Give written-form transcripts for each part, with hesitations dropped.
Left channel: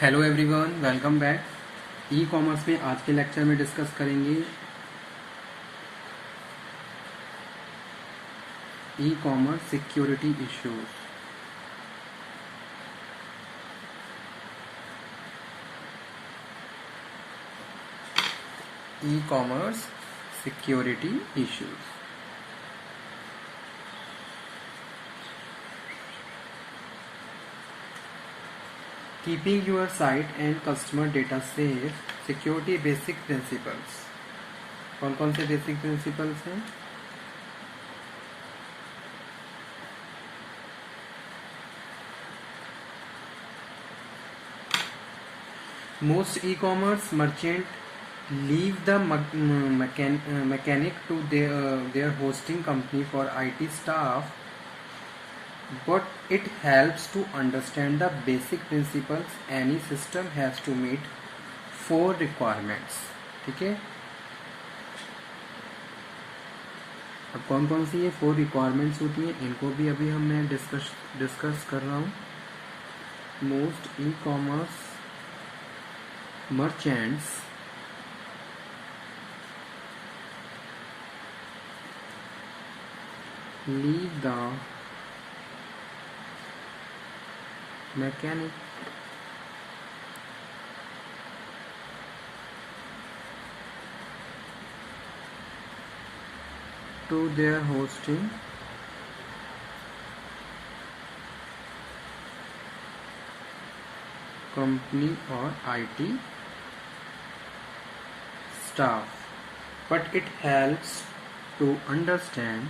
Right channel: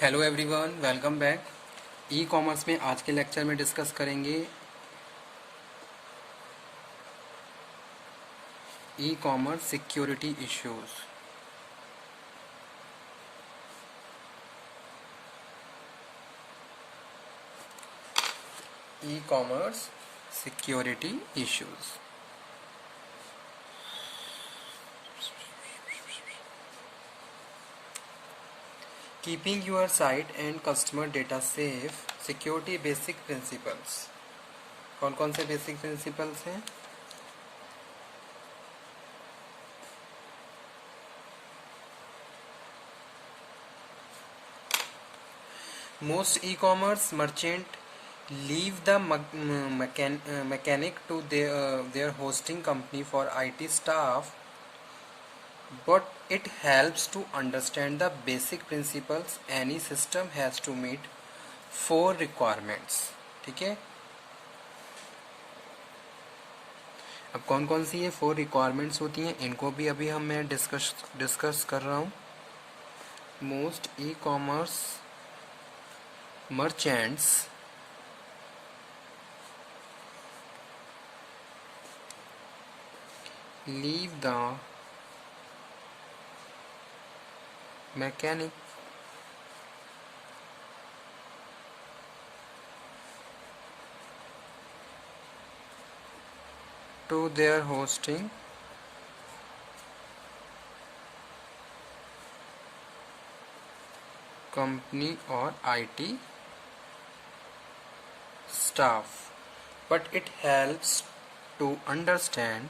Hello everyone, welcome back. E commerce में आज के लेक्चर में डिस्कस करेंगे e commerce security issues. E commerce security issues. Keeping your site and customer data safe, security basic principles. कौन कौन से बेसिक प्रिंसिपल्स हैं? Most e-commerce merchant leave the mechanic to their hosting company for IT staff, but it helps to understand the basic principles. Any system has to meet 4 requirements. ठीक है, अब कौन कौन सी ये 4 रिक्वायरमेंट्स होती हैं इनको भी अभी मैं डिस्कस कर रहा हूँ। Most e commerce merchants leave the mechanic to their hosting company or IT staff, but it helps to understand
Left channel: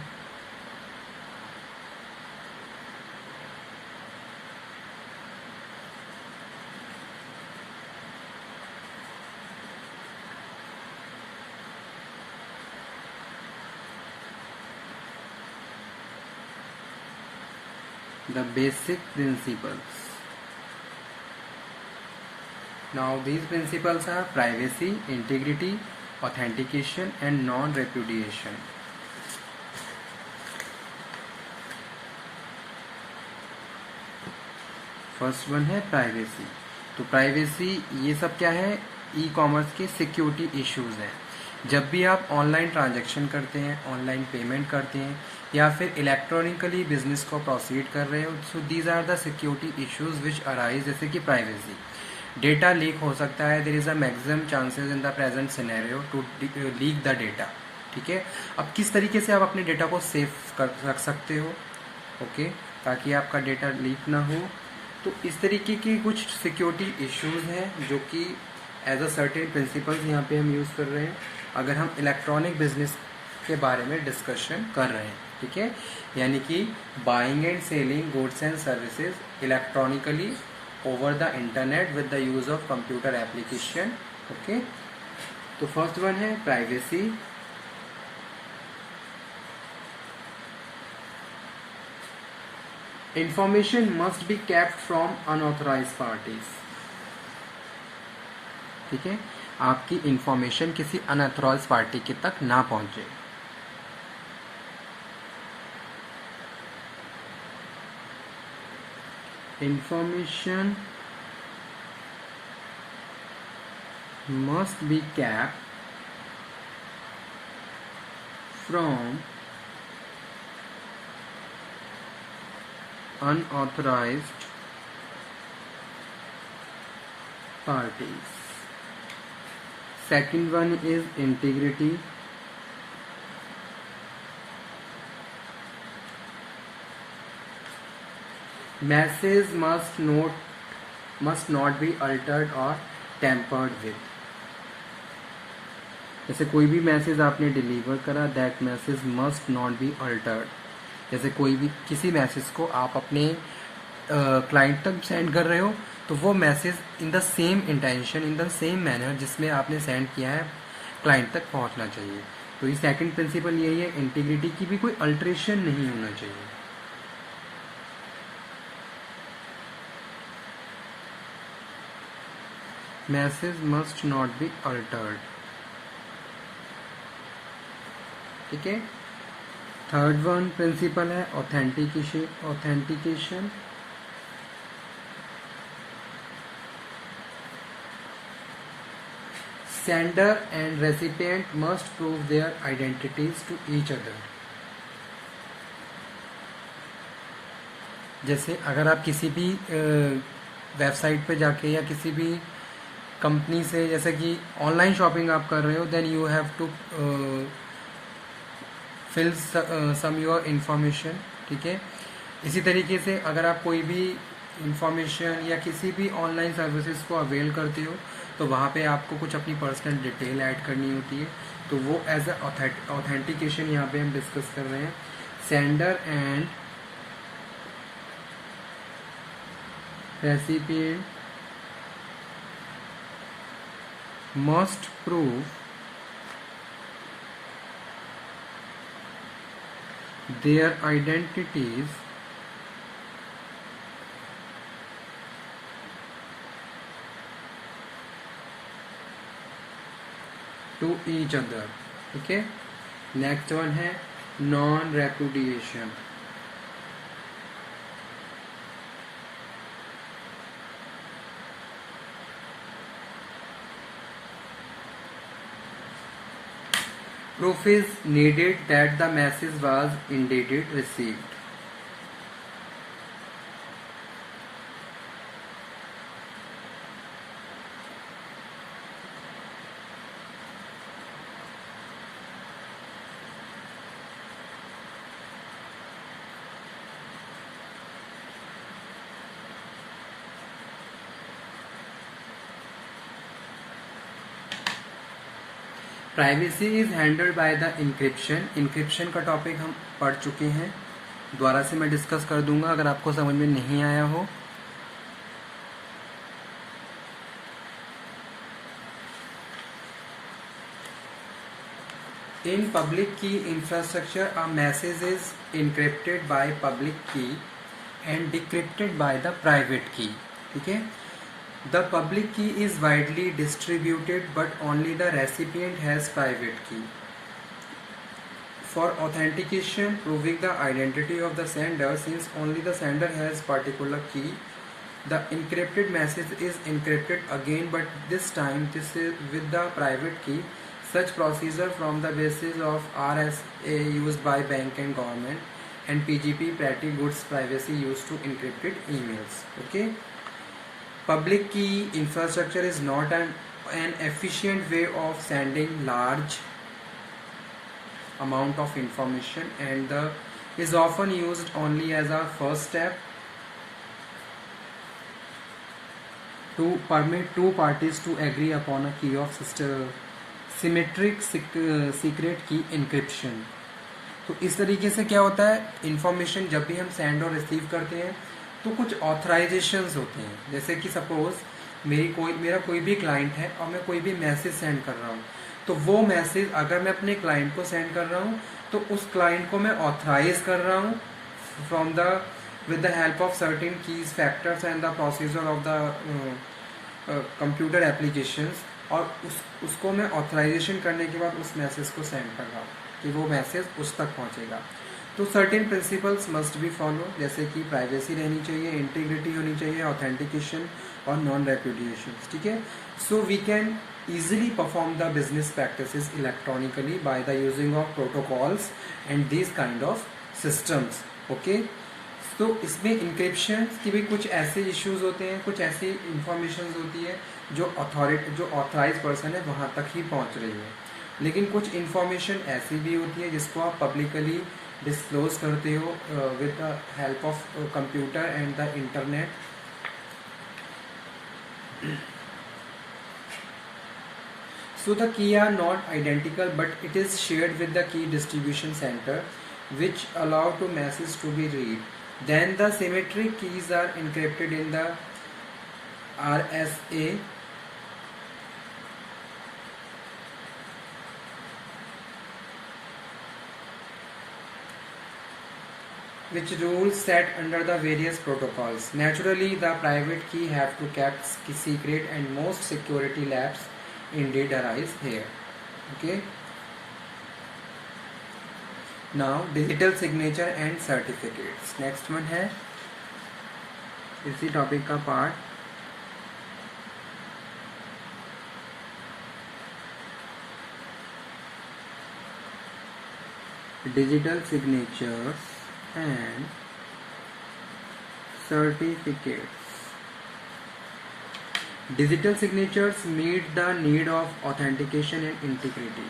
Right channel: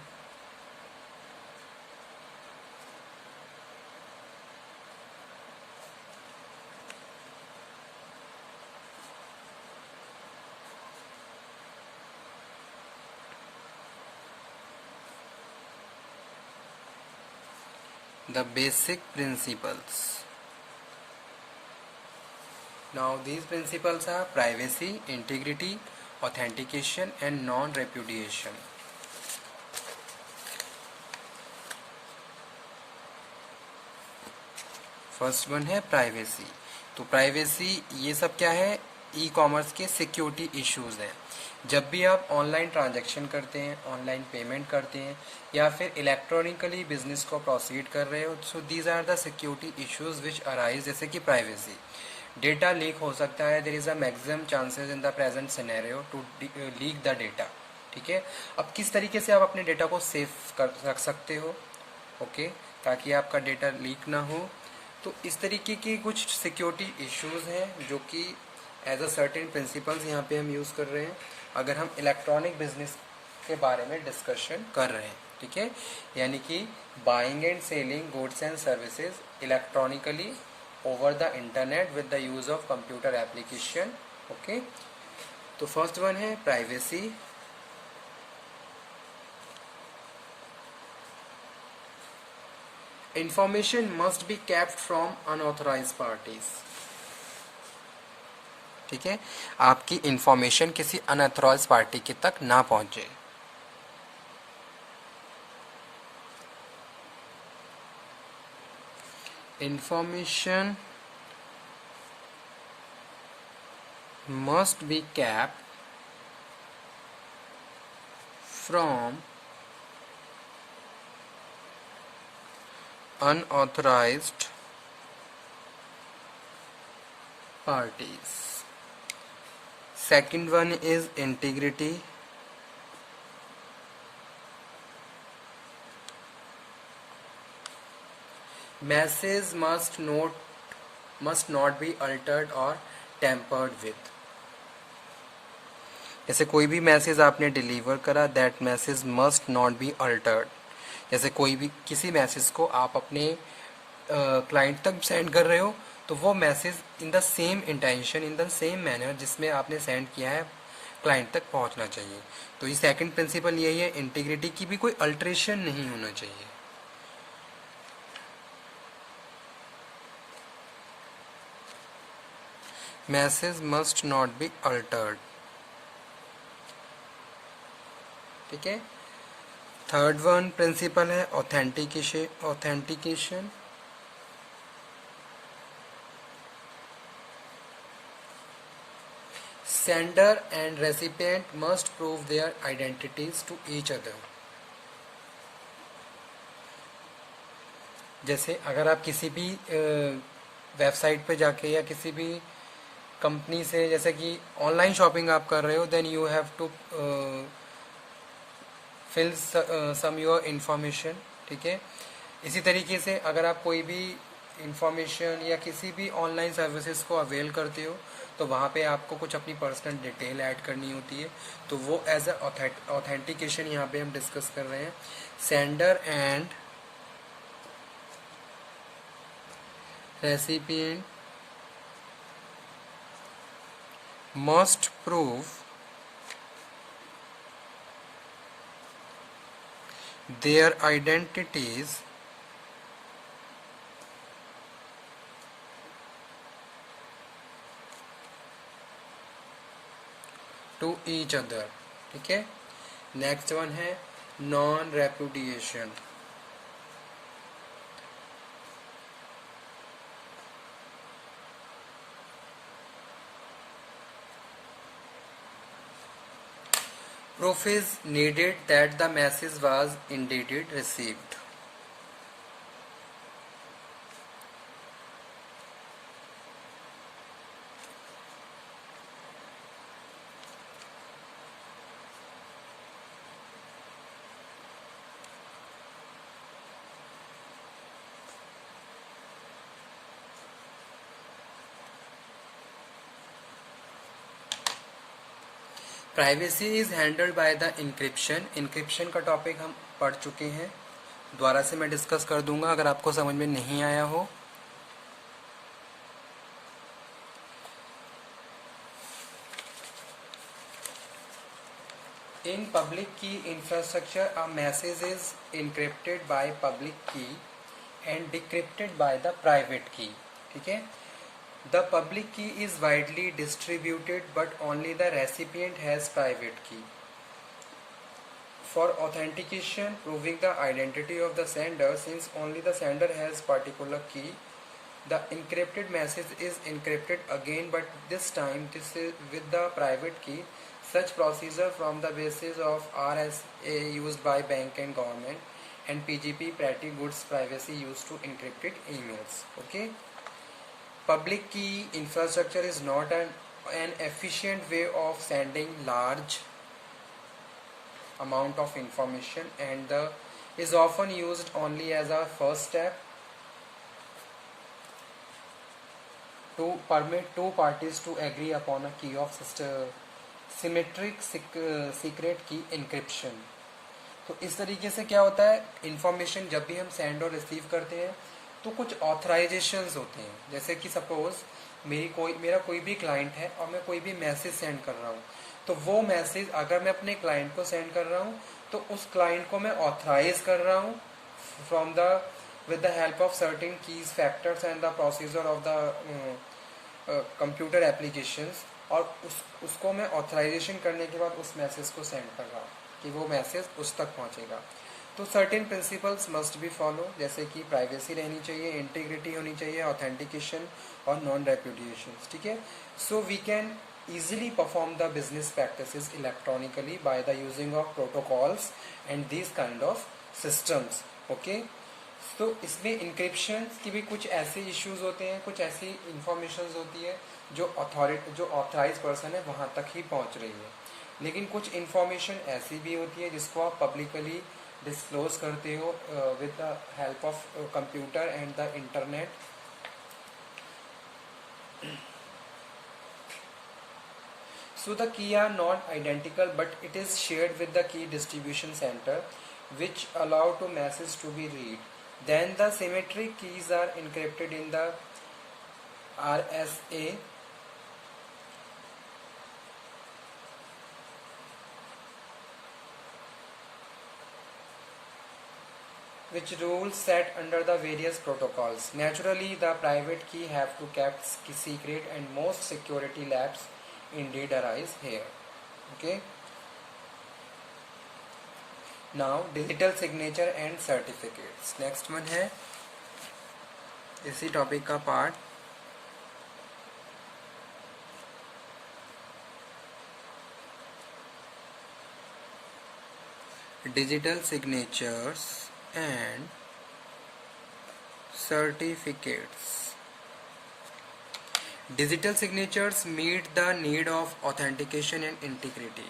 the basic principles. Now these principles are privacy, integrity, authentication and non-repudiation. First one है प्राइवेसी। तो प्राइवेसी ये सब क्या है? E commerce के security issues हैं। जब भी आप ऑनलाइन ट्रांजैक्शन करते हैं, ऑनलाइन पेमेंट करते हैं या फिर इलेक्ट्रॉनिकली बिजनेस को प्रोसीड कर रहे हो, so these are the security issues which arise. जैसे कि प्राइवेसी, डेटा लीक हो सकता है। There is a maximum chances in the present scenario to leak the data. ठीक है, अब किस तरीके से आप अपने डेटा को सेफ कर रख सकते हो, ओके, ताकि आपका डेटा लीक ना हो। तो इस तरीके की कुछ सिक्योरिटी इश्यूज हैं जो कि एज अ सर्टेन प्रिंसिपल्स यहाँ पे हम यूज़ कर रहे हैं अगर हम इलेक्ट्रॉनिक बिजनेस के बारे में डिस्कशन कर रहे हैं। ठीक है, यानी कि buying and selling goods and services electronically over the internet with the use of computer application. Okay, तो फर्स्ट वन है privacy. Information must be kept from unauthorised parties. ठीक है, आपकी इंफॉर्मेशन किसी अनऑथराइज्ड पार्टी के तक ना पहुंचे। Information must be kept from unauthorized parties. Second one is integrity. Message must not be altered or tampered with. जैसे कोई भी मैसेज आपने डिलीवर करा, that message must not be Altered. जैसे कोई भी किसी मैसेज को आप अपने क्लाइंट तक सेंड कर रहे हो, तो वो message in the same intention, in the same manner जिसमें आपने सेंड किया है, क्लाइंट तक पहुंचना चाहिए। तो ये सेकंड प्रिंसिपल यही है, इंटीग्रिटी की भी कोई अल्ट्रेशन नहीं होना चाहिए। Message must not be altered. ठीक है, थर्ड वन प्रिंसिपल है authentication. Sender and recipient must prove their identities to each other. जैसे अगर आप किसी भी वेबसाइट पे जाके या किसी भी कंपनी से, जैसे कि ऑनलाइन शॉपिंग आप कर रहे हो, then you have to fill some your information, ठीक है। इसी तरीके से अगर आप कोई भी इंफॉर्मेशन या किसी भी ऑनलाइन सर्विसेज को अवेल करते हो, तो वहाँ पे आपको कुछ अपनी पर्सनल डिटेल ऐड करनी होती है, तो वो एज अ ऑथेंटिकेशन यहाँ पे हम डिस्कस कर रहे हैं। Sender and recipient must prove their identities to each other, ठीक है। नेक्स्ट वन है non repudiation. Proof is needed that the message was indeed received. Privacy is handled by the encryption. Encryption का टॉपिक हम पढ़ चुके हैं, दोबारा से मैं डिस्कस कर दूंगा अगर आपको समझ में नहीं आया हो। In public key infrastructure a message is encrypted by public key and decrypted by the private key, ठीक है। The public key is widely distributed, but only the recipient has private key. For authentication, proving the identity of the sender, since only the sender has particular key, the encrypted message is encrypted again, but this time this is with the private key. Such procedure from the basis of RSA used by bank and government, and PGP Pretty Good's privacy used to encrypted emails. Okay. Public key infrastructure is not an efficient way of sending large amount of information, and is often used only as a first step to permit two parties to agree upon a key of symmetric secret key encryption. तो इस तरीके से क्या होता है, इंफॉर्मेशन जब भी हम सेंड और रिसीव करते हैं तो कुछ ऑथराइजेशंस होते हैं। जैसे कि सपोज मेरा कोई भी क्लाइंट है और मैं कोई भी मैसेज सेंड कर रहा हूँ, तो वो मैसेज अगर मैं अपने क्लाइंट को सेंड कर रहा हूँ तो उस क्लाइंट को मैं ऑथराइज कर रहा हूँ from the with the help of certain keys factors and the procedure of the computer applications, और उसको मैं ऑथराइजेशन करने के बाद उस मैसेज को सेंड कर रहा हूँ कि वो मैसेज उस तक पहुँचेगा। तो certain principles must be follow, जैसे कि प्राइवेसी रहनी चाहिए, इंटीग्रिटी होनी चाहिए, ऑथेंटिकेशन और नॉन रेपुडिएशन, ठीक है। So we can easily perform the business practices electronically by the using of protocols and these kind of systems. Okay, तो इसमें इंक्रिप्शन की भी कुछ ऐसे इश्यूज होते हैं, कुछ ऐसी इंफॉर्मेशन होती है जो ऑथराइज पर्सन है वहाँ तक ही पहुँच रही है, लेकिन कुछ इंफॉर्मेशन ऐसी भी होती है जिसको आप पब्लिकली डिस्क्लोज करते हो with the help of computer and the internet. So the key are not identical, but it is shared with the key distribution center, which allow to message to be read. Then the symmetric keys are encrypted in the RSA, which rules set under the various protocols. Naturally, the private key have to kept secret, and most security labs indeed arise here. Okay. Now digital signature and certificates. Next one है इसी टॉपिक का part digital signatures and certificates. Digital signatures meet the need of authentication and integrity.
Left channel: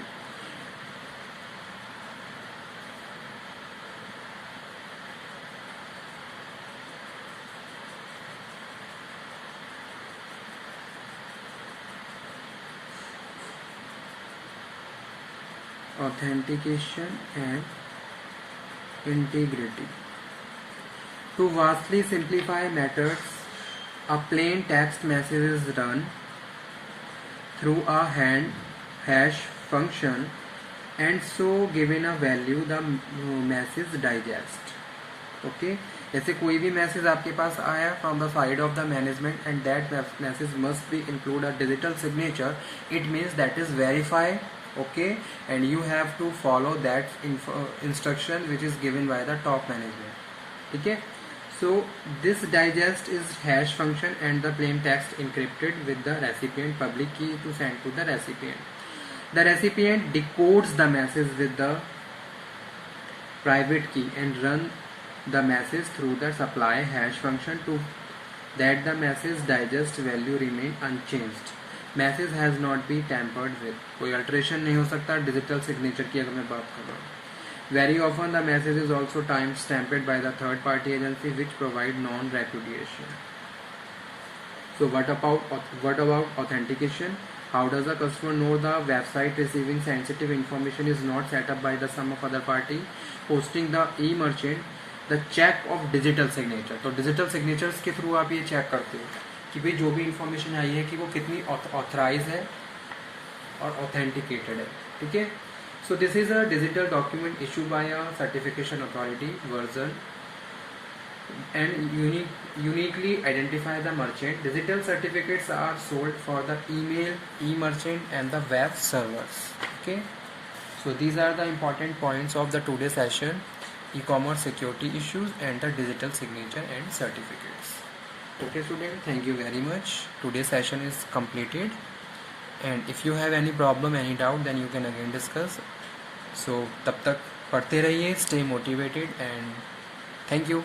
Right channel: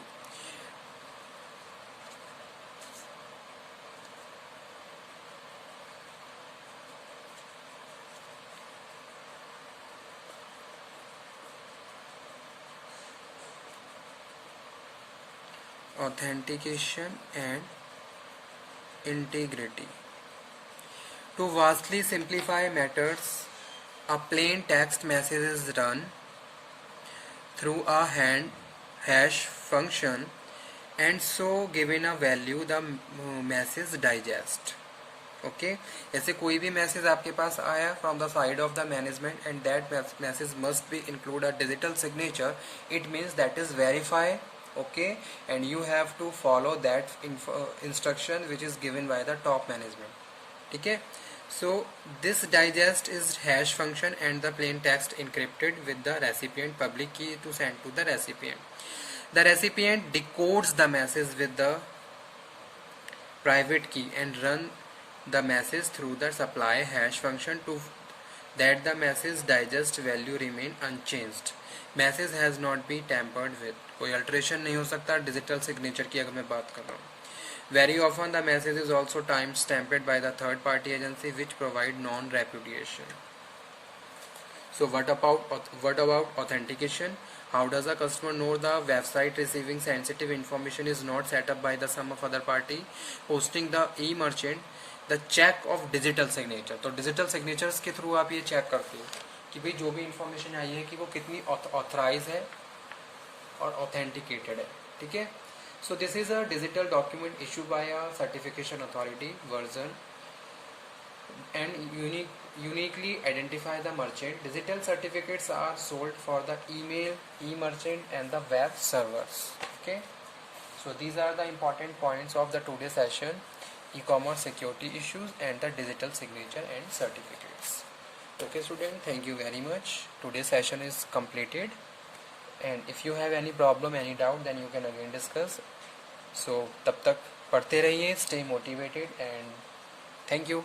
Authentication and integrity. To vastly simplify matters, a plain text message is run through a hash function and so given a value the message digest. Okay, जैसे कोई भी मैसेज आपके पास आया from the side of the management and that message must be include a digital signature, it means that is verify. Okay, and you have to follow that instruction which is given by the top management. ठीक है, so this digest is hash function and the plain text encrypted with the recipient public key to send to the recipient. The recipient decodes the message with the private key and run the message through the supply hash function to that the message digest value remain unchanged. Message has not be tampered with, कोई अल्ट्रेशन नहीं हो सकता digital signature की अगर मैं बात कर रहा हूँ. Very often the message is also time stamped by the third party agency which provide non repudiation. So what about authentication? How does a customer know the website receiving sensitive information is not setup by the some of other party hosting the e merchant the check of digital signature. तो digital signatures के through आप ये चेक करते हो कि भाई जो भी इंफॉर्मेशन आई है कि वो कितनी ऑथराइज है और ऑथेंटिकेटेड है. ठीक है, so this is a digital document issue by a certification authority version and uniquely identify the merchant. Digital certificates are sold for the email, e merchant and the web servers. Okay, so these are the important points of the today session: e-commerce security issues and the digital signature and certificates. Okay student, thank you very much. Today's session is completed, and if you have any problem, any doubt, then you can again discuss. So तब तक पढ़ते रहिए, stay motivated, and thank you.